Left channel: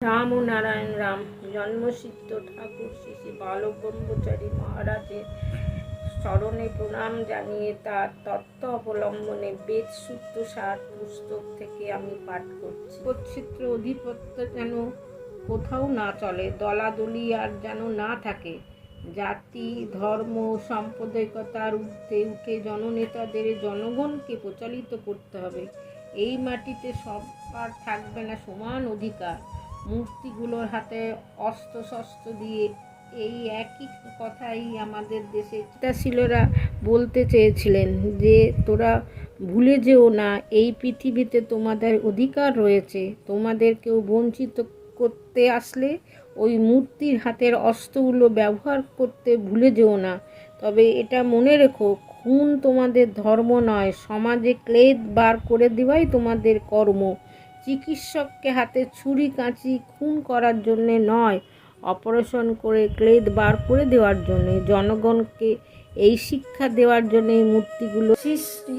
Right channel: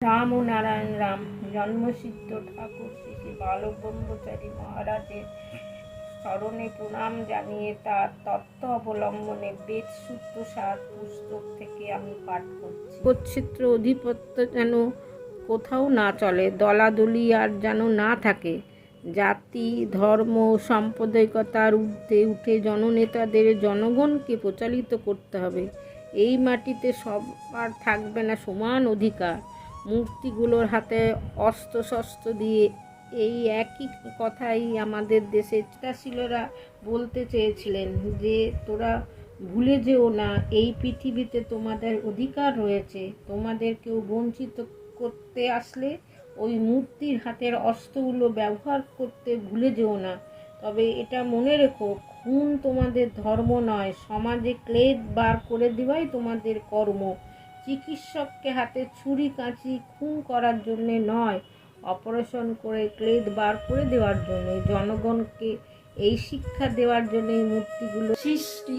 রাম ও নারায়ণ রাম, জন্মসিদ্ধ ঠাকুর শ্রী বালক ব্রহ্মচারী মহারাজের স্মরণে প্রণাম জানিয়ে তার তত্ত্ব অবলম্বনে বেদ সূত্র সার পুস্তক থেকে আমি পাঠ করছি। কচ্ছিত্র অধিপত্য যেন কোথাও না চলে, দলাদলি আর যেন না থাকে। জাতি, ধর্ম সাম্প্রদায়িকতার ঊর্ধ্বে উঠে জননেতাদের, জনগণকে প্রচালিত করতে হবে। এই মাটিতে সবার থাকবে না সমান অধিকার। মূর্তিগুলোর হাতে অস্ত্র শস্ত্র দিয়ে এই একই কথাই আমাদের দেশে চিতাশীলরা বলতে চেয়েছিলেন যে, তোরা ভুলে যেও না, এই পৃথিবীতে তোমাদের অধিকার রয়েছে। তোমাদের কেউ বঞ্চিত করতে আসলে ওই মূর্তির হাতের অস্ত্রগুলো ব্যবহার করতে ভুলে যেও না। তবে এটা মনে রেখো, খুন তোমাদের ধর্ম নয়, সমাজে ক্লেদ বার করে দেওয়াই তোমাদের কর্ম। চিকিৎসককে হাতে ছুরি, কাঁচি, খুন করার জন্যে নয়, অপারেশন করে ক্লেদ বার করে দেওয়ার জন্যে। জনগণকে এই শিক্ষা দেওয়ার জন্যে এই মূর্তিগুলো সৃষ্টি